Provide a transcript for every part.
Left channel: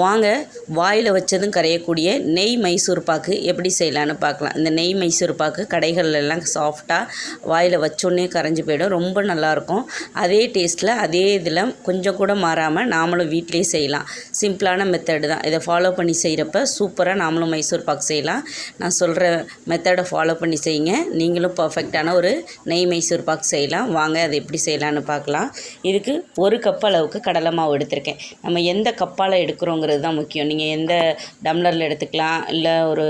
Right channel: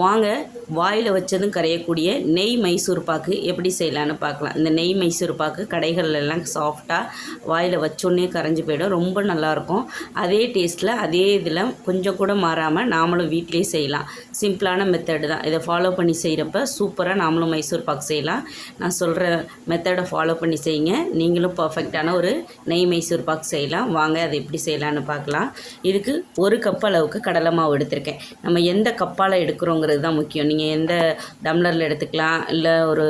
வாங்க வாயில் வச்சதும் கரையக்கூடிய நெய் மைசூர் பாக்கு எப்படி செய்யலான்னு பார்க்கலாம். இந்த நெய் மைசூர் பாக்கு கடைகள்லாம் சாஃப்டாக வாயில் வச்சோன்னே கரைஞ்சி போயிடும். ரொம்ப நல்லாயிருக்கும் அதே டேஸ்ட்டில் அதே இதில் கொஞ்சம் கூட மாறாமல் நாமளும் வீட்டிலே செய்யலாம். சிம்பிளான மெத்தடு தான். இதை ஃபாலோ பண்ணி செய்கிறப்ப சூப்பராக நாமளும் மைசூர் பாக்கு செய்யலாம். நான் சொல்கிற மெத்தடை ஃபாலோ பண்ணி செய்யுங்க. நீங்களும் பர்ஃபெக்டான ஒரு நெய் மைசூர் பாக்கு செய்யலாம். வாங்க அதை எப்படி செய்யலான்னு பார்க்கலாம். இதுக்கு ஒரு கப் அளவுக்கு கடலை மாவு எடுத்திருக்கேன். நம்ம எந்த கப்பால் எடுக்கிறோங்கிறது தான் முக்கியம். நீங்கள் எந்த டம்ளரில் எடுத்துக்கலாம் இல்லை ஒரு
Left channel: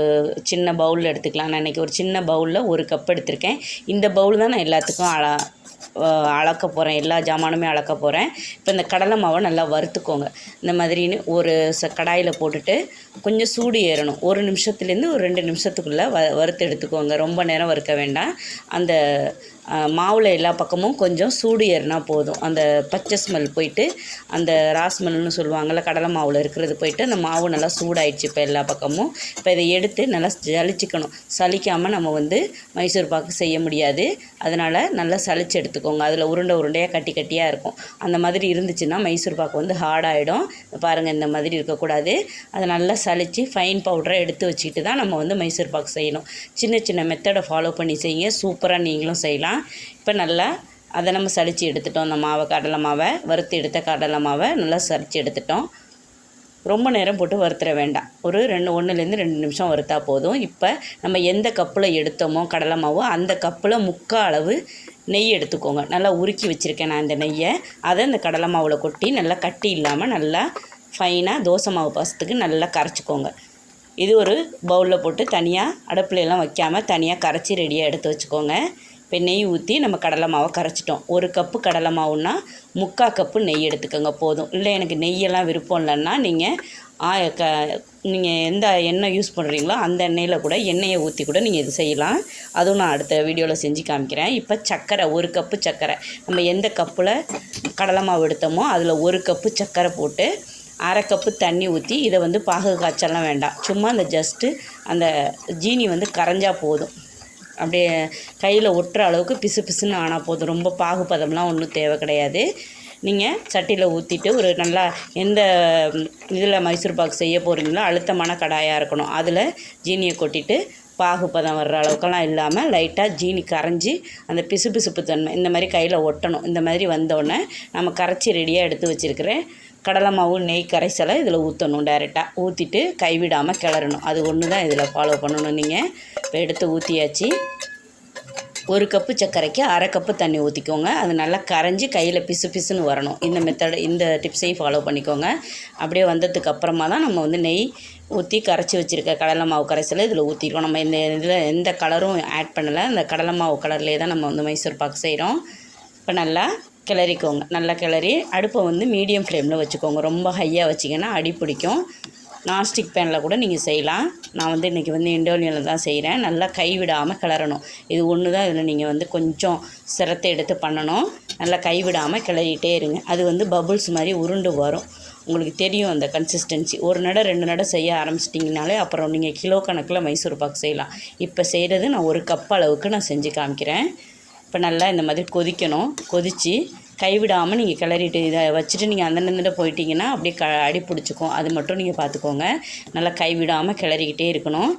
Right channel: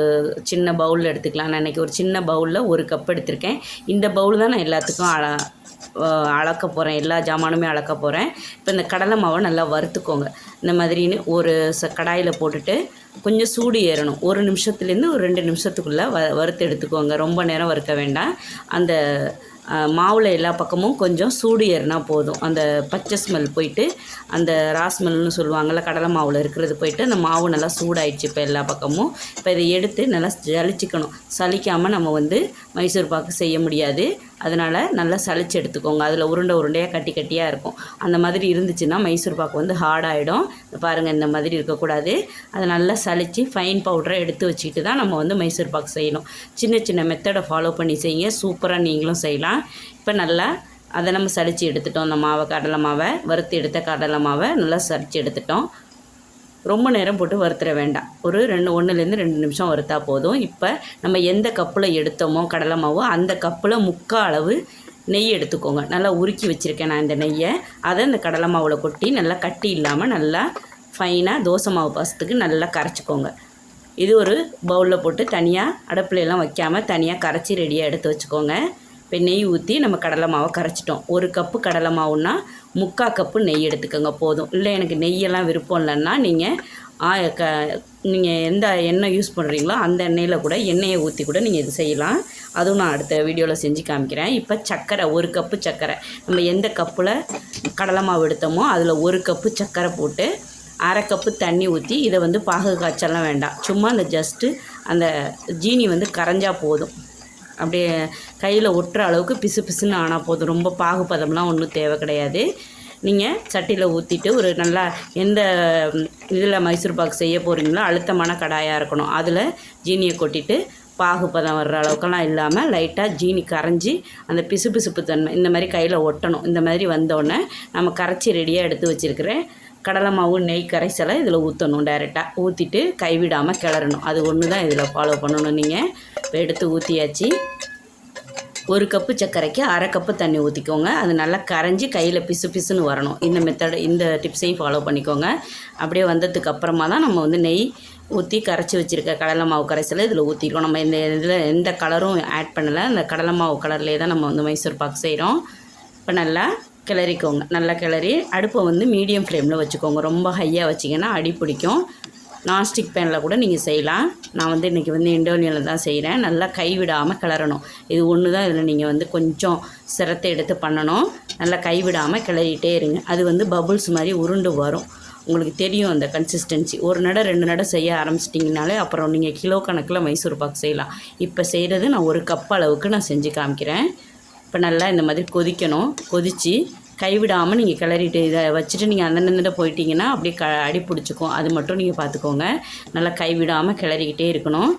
சின்ன பவுலில் எடுத்துக்கலாம். நான் இன்றைக்கி ஒரு சின்ன பவுலில் ஒரு கப் எடுத்திருக்கேன். இந்த பவுல் தான் நான் எல்லாத்துக்கும் அள அளக்க போகிறேன் எல்லா ஜாமானுமே அளக்க போகிறேன் இப்போ இந்த கடலை மாவை நல்லா வறுத்துக்கோங்க. இந்த மாதிரின்னு ஒரு ச கடாயில் போட்டுட்டு கொஞ்சம் சூடு ஏறணும். ஒரு நிமிஷத்துலேருந்து ஒரு ரெண்டு நிமிஷத்துக்குள்ளே வ வறுத்து எடுத்துக்கோங்க. ரொம்ப நேரம் வறுக்க வேண்டாம். அந்த மாவில் எல்லா பக்கமும் கொஞ்சம் சூடு ஏறினா போதும். அந்த பச்சை ஸ்மெல் போயிட்டு அந்த ராஸ்மெல்னு சொல்லுவாங்கள்ல கடலை மாவில் இருக்கிறது போயிட்டு அந்த மாவு நல்லா சூடாயிடுச்சு இப்போ எல்லா பக்கமும். இப்போ இதை எடுத்து நல்லா ஜலிச்சிக்கணும் சலிக்காமல் நம்ம வந்து மைசூர் பாக்கு செய்ய முடியாது. அதனால் நல்லா சளிச்சு எடுத்துக்கோங்க. அதில் உருண்டை உருண்டையாக கட்டி கட்டியாக இருக்கும். அந்த மாதிரி இருந்துச்சுன்னா மைசூர் பாக்கு வந்து ஹார்டாகிடும் பாருங்கள் இந்த மாதிரி இருக்கக்கூடாது. அதை நல்லா சளிச்சு ஃபைன் பவுடரை எடுத்து வச்சுக்கிட்டு தான் நம்ம வந்து மைசூர் பாக்கு செய்யணும். சின்ன சின்ன மெத்தடை ஃபாலோ பண்ணி செய்யுங்க. சூப்பராக நீங்களும் செய்யலாம். இப்போ நல்லா அதை நம்ம சலிச்சு எடுத்துட்டோம். அந்த மாவை கடலை மாவை வறுத்து எடுத்த கடலை மாவை நல்லா சலிச்சு எடுத்துட்டோம். ரொம்ப நேரம் போட்டு வறுத்துற வேண்டாம். ஒரு ரெண்டு ஒன்றுலேருந்து ரெண்டு நிமிஷம் வறுத்தா போதும். இப்போ நம்ம எந்த கப்பில் எடுத்தோமோ கடலை மாவோ அந்த கப்பில் முக்கால் அளவு நெய் எடுத்துக்கோங்க. நல்லா உருக்கி வச்சுருக்கேன் நான் இந்த நெய்யை. அதை இந்த கடலை மாவில் கொட்டி நல்லா கட்டி இல்லாமல் நல்லா ஃபைனாக தோசை மாவு பாசத்துக்கு நல்லா கரைச்சிக்கோங்க. இது ஒரு பவுலில் போட்டு தனியாக அடுப்புலலாம் வைக்காமல் தனியாக கரைச்சி ரெடியாக எடுத்து வச்சுக்கோங்க. இப்போ நெய் ஊற்றி நம்ம கடலை மாவை கரைச்சிட்டோம். ஒரு கப்பு கடலை மாவுன்னா முக்கால் கப்பு நெய் எடுத்துக்கோங்க போதும். இல்லை எனக்கு நெய்யெல்லாம் விருப்பம் இல்லைன்னா நீங்கள் க நீங்கள் எந்த எண்ணெய் யூஸ் பண்ணுறீங்களோ அந்த எண்ணெயில் கூட எண்ணெயை ஊற்றி கூட நீங்கள் இது செய்யலாம். அதுவும் நான் அடுத்த வீடியோவில் செஞ்சு காமிக்கிறேன். இப்போ சர்க்கரை ஒரு கப்பு சர்க்கரை நம்ம எந்த கப்பில் கடலை மாவு எடுத்தோமோ அதில் ஒரு கப்பு சர்க்கரை போட்டு அரை கப்பு தண்ணி ஊற்றி இதை வந்து பாகு காய்ச்சலாம் வேண்டாம். சும்மா அந்த ஜஸ்ட்டு அந்த ஜீனி வந்து கரைஞ்சா போதும். அப்படியே கையில் ஒட்டுற அளவுக்கு பிசு பிசுன்னு ஆனால் போதும். ரொம்ப பாகுபதம்லாம் ஒன்றும் தேவை கிடையாது. நீங்கள் சட்டியில் ஊற்றிட்டு ஒரு நல்லா எந்த இதில் மைசூர் பாக்கு செய்ய போகிறீங்களோ அழுத்தமான கடாயாக இருக்கணும். அதில் ஜீனியை கொட்டிட்டு பாகுபதம் வர்ற அளவுக்கெல்லாம் இல்லாமல் லைட்டாக ஜீனி கரைஞ்சி அந்த பிசு பிசுப்பு தன்மை இந்த மாதிரி கையில் ஒட்டணும். இந்த மாதிரி வந்தோடனே நம்ம கரைச்சி ரெடியாக எடுத்து வச்சுருக்கிறேன் கடலை மாவு நெய் கரைசலை இதில் ஊற்றணும் டேரெக்டாக ஊற்றிட்டு கைவிடாமல் கிளறணும். அது ஒன்று தான் இதில் ஃபாலோ பண்ணணும் நீங்கள் இப்போ எடுத்து ஊற்றியாச்சு ஒரு கப்பு சர்க்கரைக்கு அரை கப்பு தண்ணி ஊற்றிக்கோங்க அது நல்லா கரைஞ்சி கையில் பிசு பிசுன்னு வரணும். இந்த மெத்தட் இந்த டிப்ஸையும் ஃபாலோ பண்ணிக்கோங்க. அப்படியே வந்ததுக்கு அப்புறமா தான் நம்ம வந்து நெய் ஊற்றி கரைச்சி வச்சுருக்க கடலை மாவு கரைசலை இதில் ஊற்றிருக்கோம் நம்ம இந்த இதில் எந்த கலரும் ஆட் பண்ணலை. இந்த கடலை மாவு கலர்லேயே தான் நம்ம வந்து மைசூர் பாக்கு செய்கிறோம் இப்போ நல்லா கிளறிக்கோங்க. நல்லா கிளறி அடுப்பை வந்து மீடியம் ஃப்ளேமில் வச்சுக்கோங்க. ரொம்ப ஹையாக வச்சிங்கன்னா அடி பிடிக்கும். நான்ஸ்டிக் பேனில் கூட நீங்கள் செய்யலாம். நான் வந்து இன்றைக்கி வந்து இண்டோலியனில் தான் செய்கிறேன் நல்லா கைவிடாமல் கிளறணும். இது ஒன்று தான் இதில் நீங்கள் வந்து கொஞ்சம் சிரத்தை எடுத்து பண்ணணும். நல்லா கைவிடாமல் கிளறிட்டே இருங்க. அது வந்து பபுள்ஸ் மாதிரி உருண்டு வரும். உங்களுக்கு தெரியும் அந்த கன்சிஸ்டன்சி ஒரு நடை ரெண்டு நடை செய்ய ஆரம்பிச்சிட்டிங்கனாலே அப்புறம் நீங்கள் கிலோ கணக்கில் மைசூர் பாக் செய்யலாம். இப்போ செய்கிறது நான் ஒரு கப் அளவுக்கு நான் செஞ்சு காமிக்கிறேன். இப்போ நல்லா இந்த மாதிரி கொதிக்கணும். கொதித்து கைவிடாமல் நீங்கள் கிளறிட்டு இதை வச்சுட்டு நீங்கள் அந்த போயிட்டீங்கன்னா அப்படியே க அடி பிடிச்சிக்கும். அது மட்டும் நீங்கள் பார்த்துக்கோங்க நல்லா கைவிடாமல் கிளறிக்கிட்டே இருக்கணும்.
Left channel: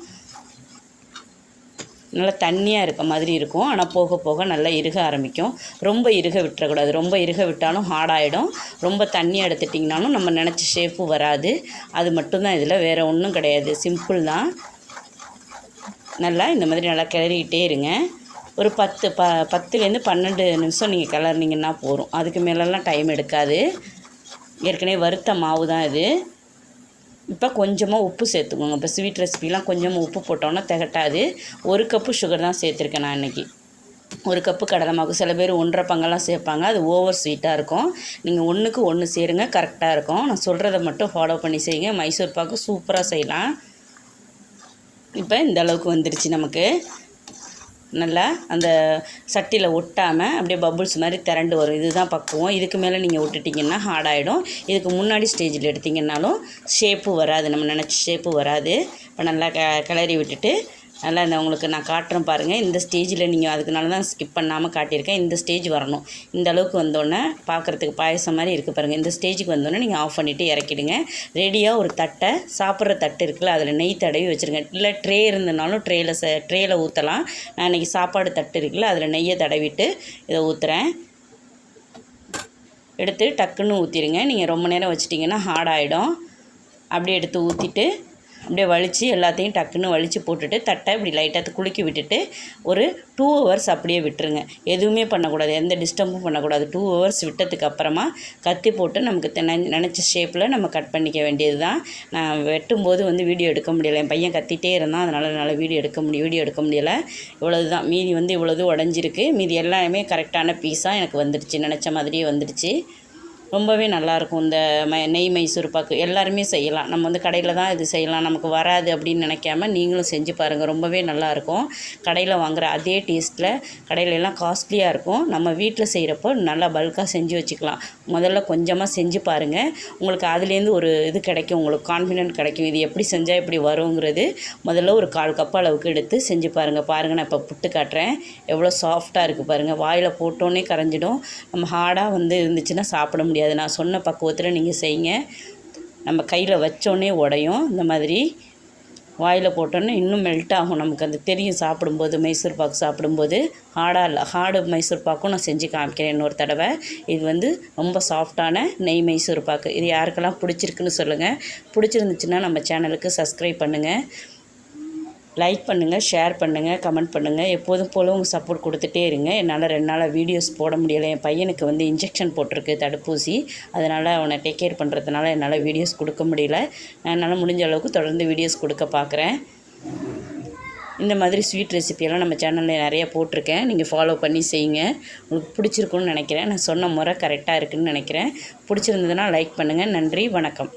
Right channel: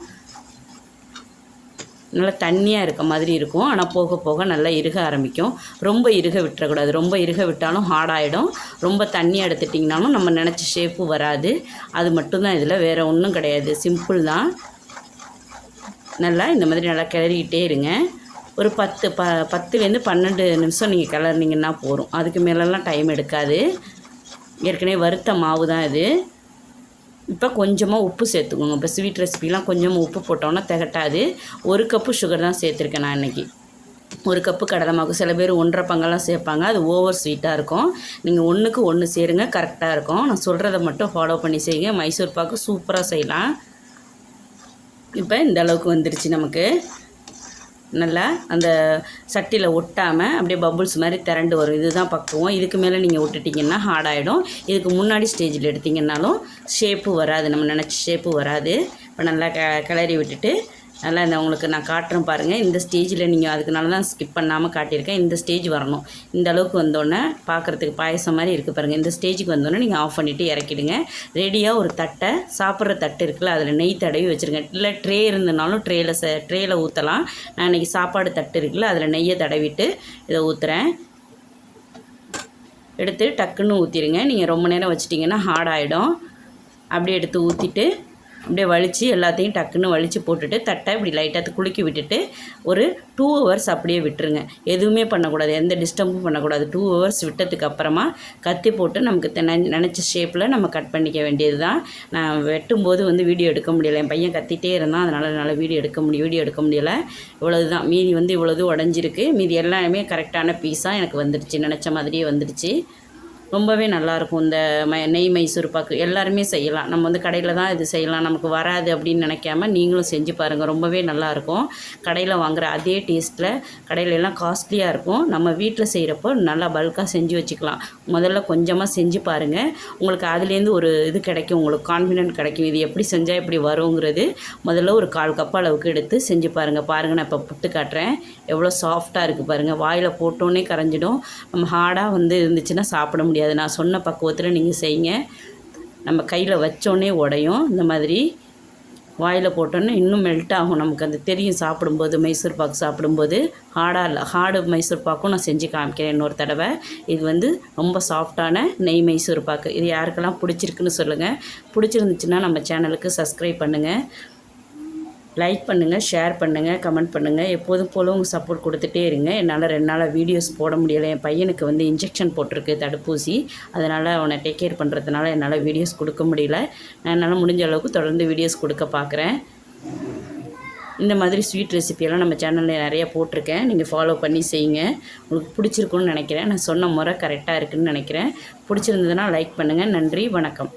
நல்லா தண்ணியாக இருக்க மாதிரி இருக்கும். ஆனால் போக போக நல்லா இறுக ஆரம்பிக்கும். ரொம்ப இறுக விட்டுறக்கூடாது. ரொம்ப இறுக விட்டாலும் ஹார்டாகிடும் ரொம்ப தண்ணி எடுத்துட்டிங்கனாலும் நம்ம நினச்ச ஷேப்பு வராது. அது மட்டும்தான் இதில். வேறு ஒன்றும் கிடையாது. சிம்பிள் தான். நல்லா இந்த மாதிரி நல்லா கிளறிக்கிட்டே இருங்க. ஒரு பத்து ப பத்துலேருந்து பன்னெண்டு நிமிஷம் நீங்கள் கிளறினீங்கன்னா போதும். அதுக்கு மேலெல்லாம் டைம் எடுக்காது. ஏற்கனவே வறுத்த மாவு தான் இது. இப்போ கொஞ்சமாக உப்பு சேர்த்துக்கோங்க. இப்போ ஸ்வீட் ரெசிபிலாம் கொஞ்சமாக உப்பு போட்டோன்னா திகட்டாது. ஒரு கப்பு சுகர் தான் சேர்த்துருக்கேன் நான் இன்றைக்கி ஒரு கப்பு கடலை மாவு. சில பேர் ஒன்றரை பங்கெல்லாம் சேர்ப்பாங்க. அது ஓவர் ஸ்வீட்டாக இருக்கும். நீங்கள் ஒன்றுக்கு ஒன்று சேருங்க. கரெக்டாக இருக்கும். நான் சொல்கிறத மட்டும் ஃபாலோ பண்ணி செய்யுங்க. மைசூர் பாக்கு சூப்பராக செய்யலாம். இப்போ இந்த அளவுக்கு வந்துருச்சு நமக்கு. நல்லா அந்த சட்டியில் ஒட்டாமல் அப்படியே பபுள்ஸ் மாதிரி திரண்டு வரும். இதுதான் பக்குவம். இதுக்கு மேலே நீங்கள் விட்டுட்டிங்கன்னா ஹார்ட் ஆகிடும் இதுக்கு முன்னாடி ஸ்டேஜில் எடுத்திங்கன்னாலும் ஷேப்பு வராது. நம்ம நினச்ச ஷேப்பு வராது. இப்போ நல்லா க கிளறி விட்டுட்டு நல்லா இந்த உங்களுக்கு நான் காட்டுறேன் பாருங்கள் இந்த ஸ்டேஜில் நீங்கள் அதுக்குனால தான் ஸ்கிப் பண்ணாமல் காட்டியிருக்கேன். இந்த ஸ்டேஜ் வரணும். இந்த அளவுக்கு வந்தோடனே பார்க்குறதுக்கு பாயசம் மாதிரி இருக்குது பாருங்கள் இந்த ஸ்டேஜுக்கு வந்தோடனே நீங்கள் ஆஃப் பண்ணிவிட்டு இறக்கிடுங்க. ரெடியாக ஒரு தட்டை சாப்பிட்ற தட்டு இருக்குல்ல அதில் நெய் தடவி வச்சுருங்க. இல்லை ட்ரே இருந்தனாலும் ட்ரேயில் ச ட்ரேயில் ஊற்றலாம் நான் இன்றைக்கி சாப்பாடு தட்டு இருக்குல்ல அதில் நெய்யை தடவிட்டு இதை ஊற்றுறேன் எடுத்து டக்குன்னு ஊற்றிடுங்க நீங்கள் ரொம்ப நேரம் வச்சிட்டிங்கன்னா ஹார்ட் ஆகிடும் அப்படியே எடுத்து ஊற்றிட்டு அப்படியே வலித்து எல்லாத்தையும் டக்குன்னு வலித்து போட்டுட்டு தட்டை இப்படி லைட்டாக குலுக்கி விட்டுட்டு ஒரு டூ ஹவர்ஸ் அப்படியே விட்டுருங்க. எதுவுமே பண்ணக்கூடாது. எந்த டிஸ்டர்பும் பண்ணக்கூடாது. டூ ஹவர்ஸ் விட்டதுக்கு அப்புறமா கத்தி போட்டு நமக்கு நினச்ச ஷேப்பில் நம்ம கட் பண்ணிக்க வேண்டியது தான் நான் வெட்டும்போது வந்து வீடியோ எடுக்க முடியல. என் பையன் கத்திட்டே இருந்தான். அதனால் என்னால் வீடியோ எடுக்க முடியும் வீடியோ எடுக்க முடியலை. இவ்வளவு தான் மீதி வந்து இவ்வளவு உடஞ்சிருக்கு. மீதி எல்லாமே கரெக்டான பீஸாக எனக்கு வந்துடுச்சு. நினச்ச மாதிரியே வந்துடுச்சு. ரொம்பவே நல்லாயிருக்கும் இந்த ம நெய் மைசூர் பாக்கு. எல்லாருமே செய்யலாம். நம்ம வந்து கடையில் தான் இது செய்யலாம். நமக்கு வராது அப்படின்னு நினைக்காம நீங்களும் செஞ்சு பாருங்கள் ரொம்பவே நல்லாயிருக்கும் கடையில் வாங்குற அதே டேஸ்ட்டில் கடையில் எல்லாம் காஸ்ட்லியாக இருக்கும். நம்ம வீட்டில் செய்கிறப்போ நல்லா பல்காக செஞ்சு வச்சுக்கலாம். முதல்ல கொஞ்சமாக செஞ்சு பாருங்கள் உங்களுக்கு அதுலேருந்து ஒரு இது கிடைக்கும். உங்களுக்கு கான்ஃபிடென்ட் கிடைக்கும். இது எப்படி செஞ்சால் எப்படி வருங்கிறது முதல்ல ஒரு கால் கப் அளவுக்கு எடுத்து செஞ்சு பாருங்கள் பாருங்கள் நான் இப்போ புட்டு காட்டுறேன். எவ்வளோ சாஃப்டாக இருக்குது பாருங்கள் வாயில் போட்டோன்னே கரைஞ்சிடும். நம்ம ஹார்டாக வந்து இருந்துச்சுன்னா சாப்பிட முடியாது. நான் சொன்ன பக்குவத்தில் நீங்கள் செய்யுங்க. நம்ம கையில் வச்சோன்னே உடையும். இந்த மாதிரி வாயில் போட்டோன்னே இன்னும் மெல்ட் ஆகும். நமக்கு அது தெரியும் சாப்பிடும்போது மைசூர் பாக்கு சாப்பிடும்போது. ஹார்டாக இல்லை ஹார்டு மைசூர் பாக்கும் நான் செஞ்சு காமிக்கிறேன் இன்னொரு தடவை. இது வந்து ரொம்ப சாஃப்டான நெய் மைசூர் பாக்கு. இது யாருக்கெல்லாம் பிடிச்சிருக்குன்னு சொல்லுங்கள் பிடிச்சிருந்துச்சுன்னா நம்ம சேனலுக்கு சப்ஸ்கிரைப் பண்ணுங்கள் லைக் பண்ணுங்கள் ஷேர் பண்ணுங்கள் கமெண்ட் பண்ணுங்கள் எப்போதும் போல உங்கள் சப்போர்ட் கொடுத்துட்டே இருங்க. என்னால் ரெண்டு நாளாக வீடியோஸ் போட முடியலை. என் பையனுக்கு வந்து இன்ஜெக்ஷன் போட்டிருக்கு தடுப்பூசி. அதனால் அவனை டேக் கேர் பண்ணுறதுனால என்னால் வீடியோஸ் கொடுக்க முடியல. நான் என்னால் முடிஞ்ச அளவுக்கு தொடர்ந்து வீடியோஸ் கொடுக்க பார்க்குறேன் இந்த மாதிரி ஸ்வீட் ரெசிபியெல்லாம் நம்ம சேனலில் நிறைய போட்டிருக்கேன். நீங்கள் ஃபாலோ பண்ணி செய்யுங்க. உங்களுக்கு பிடிச்சிருக்குன்னு நினைக்கிறேன். நான் சொன்ன முறை கரெக்டாக இருக்குன்னு நினைக்கிறேன். பிடிச்சிருந்ததுன்னா லைக் பண்ணுங்கள் நன்றி வணக்கம்.